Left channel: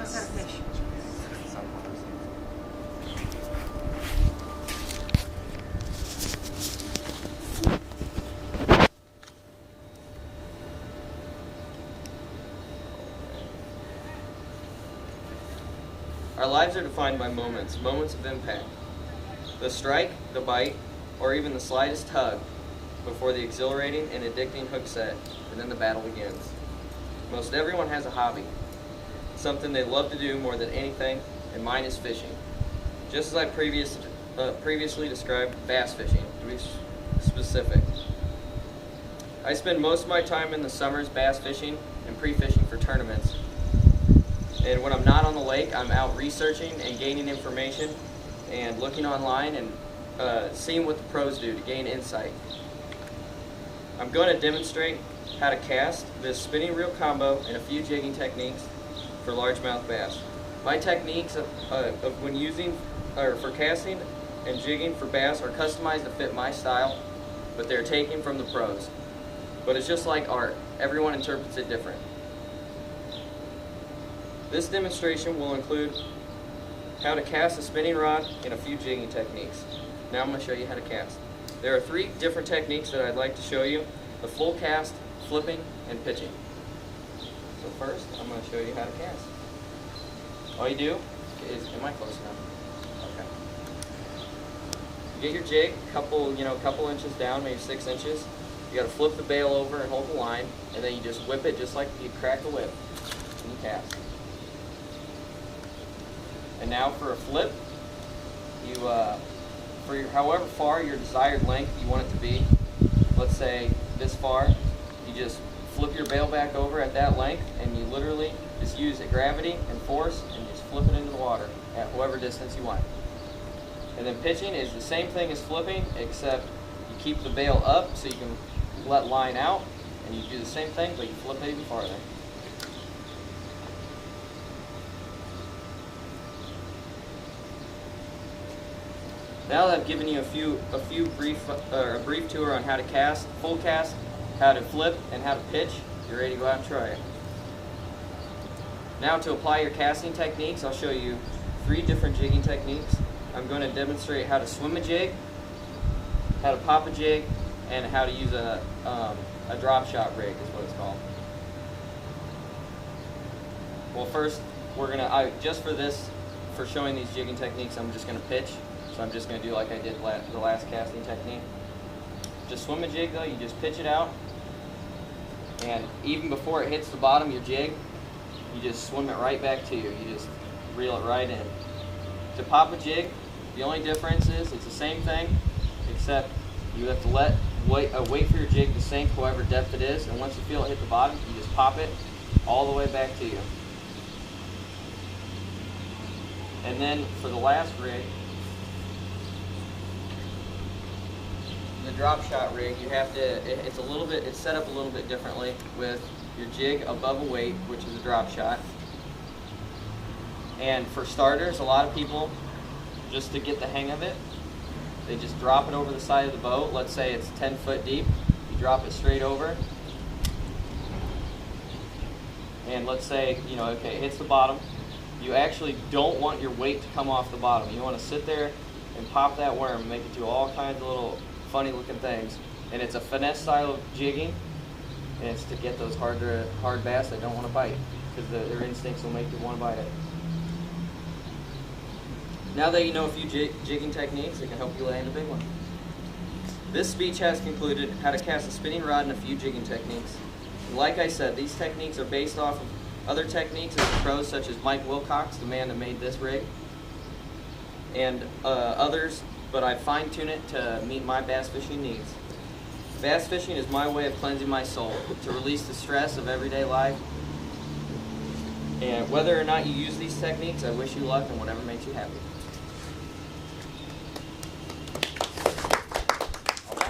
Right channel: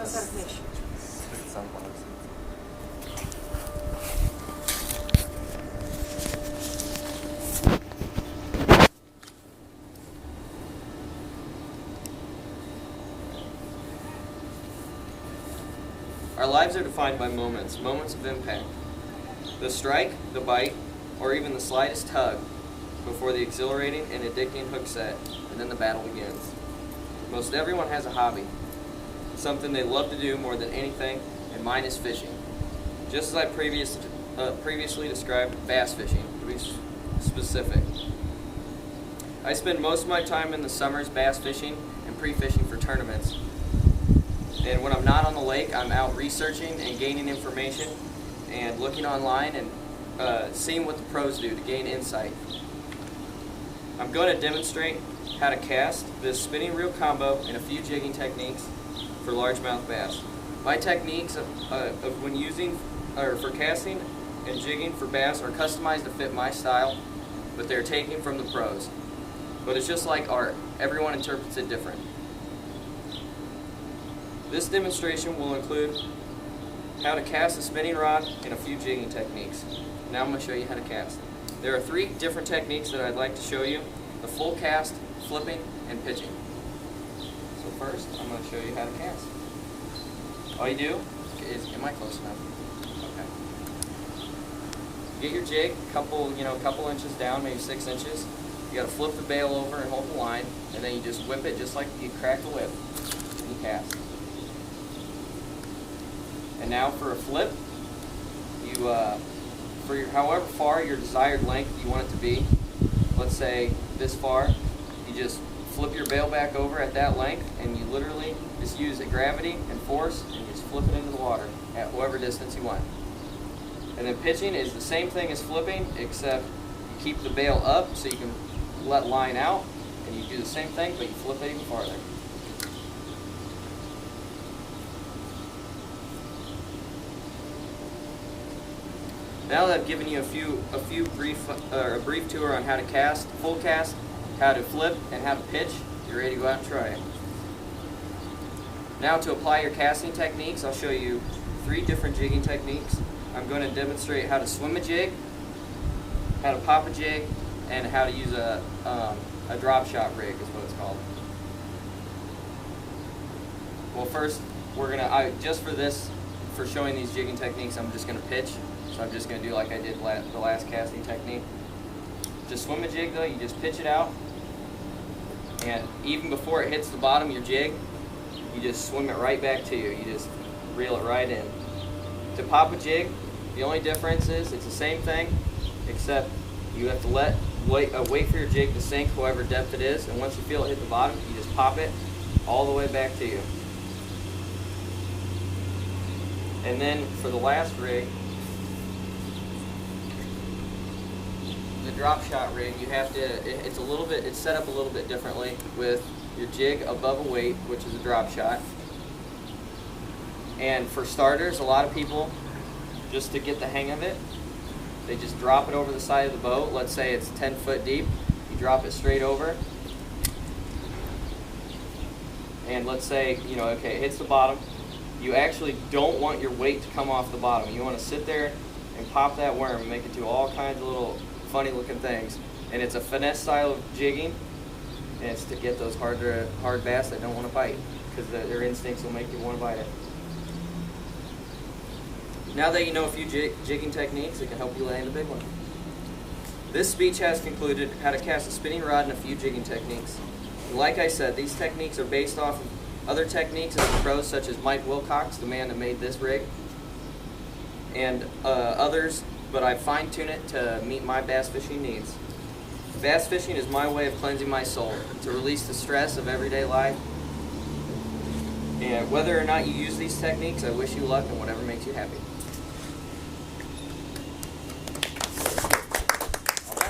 us how to fish. Our lives are defined by moments of impact. The strike, the bite, or even the slightest tug before the exhilarating and addicting hook set, and then the battle begins. Most everyone has a hobby, something they love to do more than anything, and mine is fishing. Just as I previously described bass fishing, to be specific. I spend most of my time in the summers bass fishing and pre-fishing for tournaments. And when I'm not on the lake, I'm out researching and gaining information and looking online and seeing what the pros do to gain insight. I'm going to demonstrate how to cast this spinning reel combo and a few jigging techniques for largemouth bass. My techniques of when using or for casting and jigging for bass are customized to fit my style, but they're taken from the pros. But it's just like art. Everyone interprets it different. This demonstration will include how to cast a spinning rod and a few jigging techniques. Now I'm going to show you how to cast. There are 3 different techniques that I'd like to show you: the full cast, flipping, and pitching. So first, I'm going to show you how to cast. All you do is, am I close enough? Okay. You get your jig a couple inches down, maybe 6 inches. You got to flip the bail over and hold the line, and then you just whip it just like you'd crack a whip, and you cast. And now for a flip, you for however far your desired length you want it to be, let's say this far, you just flip your bail back over at that length, and you literally just use the gravity and force, and you just flip it into the water at whatever distance you want. And then pitching is the same thing as flipping, except you keep the bail up so you can let line out, and you do the same thing, but you flip it even farther. Now that I've given you a brief tour on how to cast, full cast, how to flip, and how to pitch, you're ready to go out and try it. Now to apply your casting techniques, I'll show you 3 different jigging techniques. I'm going to demonstrate how to swim a jig, how to pop a jig, and how to use a drop shot rig is what it's called. Well, first for showing these jigging techniques, I'm just going to pitch. So I'm just going to do like I did the last casting technique. To swim a jig though, you just pitch it out, and even before it hits the bottom of your jig, you just swim it right back to you. You just reel it right in. To pop a jig, the only difference is it's the same thing, except you have to wait for your jig to sink however depth it is, and once you feel it hit the bottom, you just pop it all the way back to you. And then for the last rig, the drop shot rig, you have to, it's set up a little bit differently with your jig above a weight, which is a drop shot. And for starters, a lot of people, just to get the hang of it, they just drop it over the side of the boat. Let's say it's 10 foot deep. You drop it straight over. And let's say, okay, it hits the bottom. You actually don't want your weight to come off the bottom. You want to sit there and pop that worm and make it do all kinds of little funny looking things. And it's a finesse style of jigging, and it's to get those hard bass that don't want to bite, because their instincts will make you want to bite it. Now that you know a few jigging techniques, it can help you land a big one. This speech has concluded how to cast a spinning rod and a few jigging techniques. And like I said, these techniques are based off of other techniques of the pros, such as Mike Wilcox, the man that made this rig, and others, but I fine-tune it to meet my bass fishing needs. Bass fishing is my way of cleansing my soul, to release the stress of everyday life. And whether or not you use these techniques, I wish you luck in whatever makes you happy.